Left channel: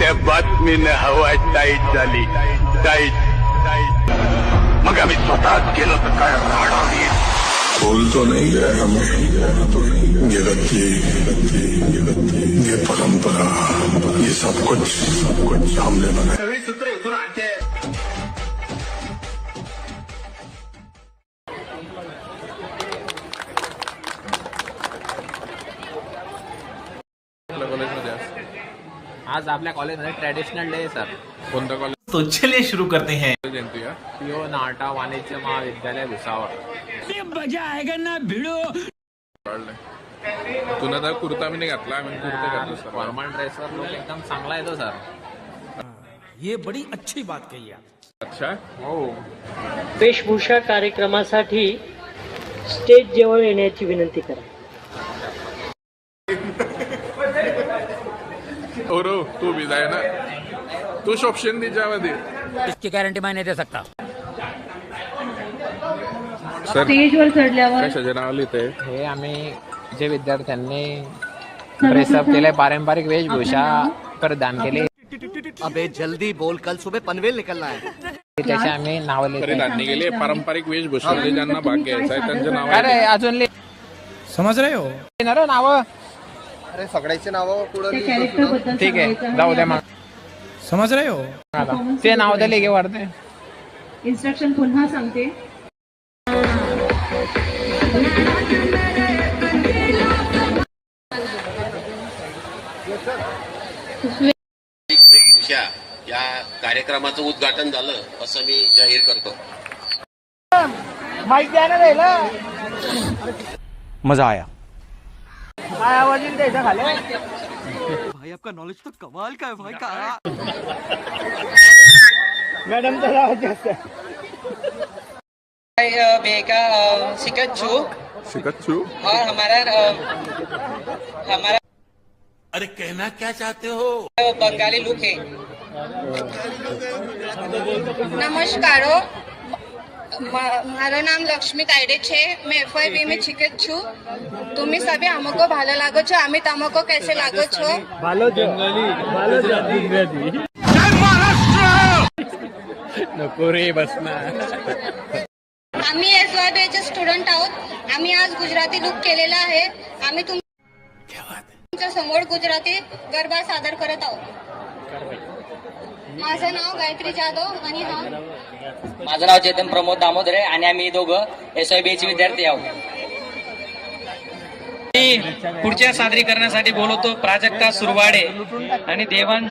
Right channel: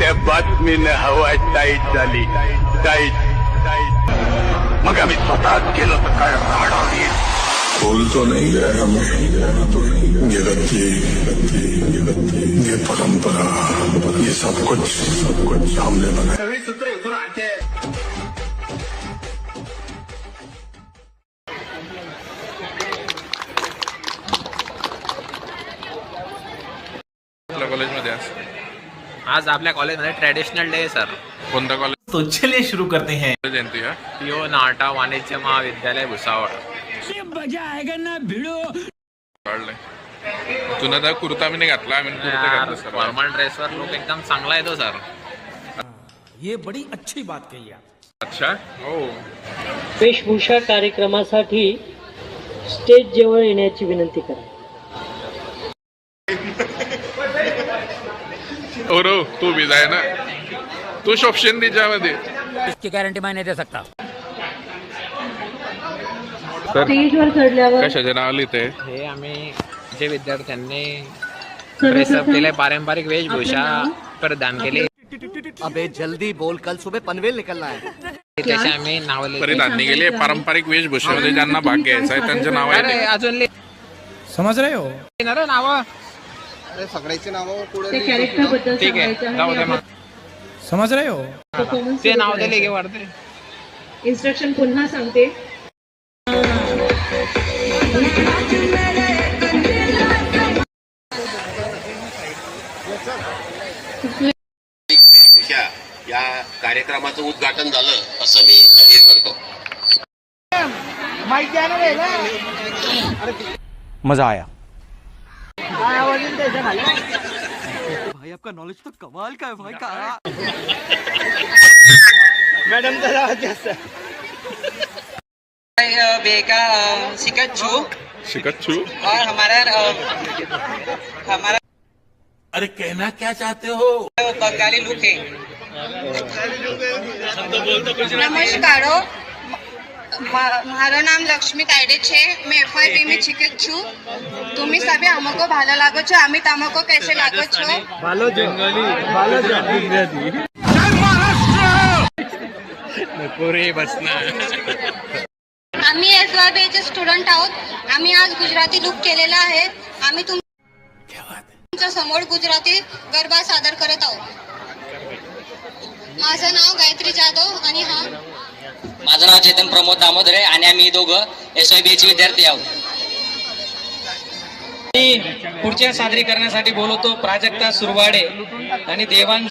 त्या बातमीनं हवा टाईट झाली. टाईट. मग आम्ही स्वतःच केलं तर काय राडा होईल. बोलतो नहीं है हमें ये रत्ती ये परंपरा ये सब कुछ हमने बनाया. सगळी सूत्र उतरून आते. कॉलेजमध्ये आज आपल्या कॉलेजमध्ये ट्रेडिशनल डे आहे सर. कोणता कॉलेज? तो चलिए शुरू करते हैं. जयंती का पिओ नाटा वाणिज्य महाविद्यालय भुसावळ. काढलंय तुला तर कुर्ता मी नाही घातला. आम्ही कुर्ता घातला सर. फॉर्मल ड्रेसवर लुक एकदम चांगला येतो सर. ये बड़ी अच्छी बात कही आप. अच्छा हो. वेशभूषा कार्यक्रमासाठी स्टेज जवळ येण्याची विनंती करा. रो तू भी जाय ना. तू शॉप्शन त्याच्यामध्ये. इसकी गारंटी मैं नहीं दे सकता. सर स्टेजवर चढल्यावर कशाचे नाव लिहिते? हे आम्ही जे विद्यार्थ्यांनी प्रेसअप केले पारंपरिक वेशभूषा प्रदान केली अबे जल्दी बोल, कल सुबह पनवेल निकलना है. त्याचे आम्ही नाव परिधान केले. पारंपरिक वेशभूषेमध्ये ज्यांना भाग घ्यायचा आहे त्यांचे नाव आहे. अजून समझ रहे हो. नाव सगळ्याचे नाव पुढे ठीक आहे जाऊ दे. मग समझ रहे हो. ते नाव दिले की वाढते. इन्स्ट्रक्शन पुन्हा सांगते. या कार्यक्रमाचं उद्घाटन झालं असं मी जाहीर करतो. मजा आया. भाई आपका नॉलेज तो कमाल का है भाई. का मॅडम बेका सिकच्चू शिकच्छू. और हमारा अरे कहना क्या चाहते हो. बंगाली लुक है. नमस्कार. मारो नाम लक्ष्मी कायडे छे. मैं FYP में छिकत छू. तुम्ही सभी हमको भालो लागो छो. आम्ही तमको कैसे लागो छो. आम्ही SYB चे स्टुडंट आहोत. आम्ही आज गुजराती लुक केलेला आहे. आम्ही तुमच्या समोर गुजराती गरबा सादर करत आहोत. माझं नाव गायत्री जाधव आणि हा माझं नाव चेतन प्रमोद दामोदरे आणि आम्ही दोघं SYB चे विद्यार्थी आहोत. पुढच्या सादरीकरणासाठी बोलवतो प्राजक्ता सुरवाडे आणि देवांश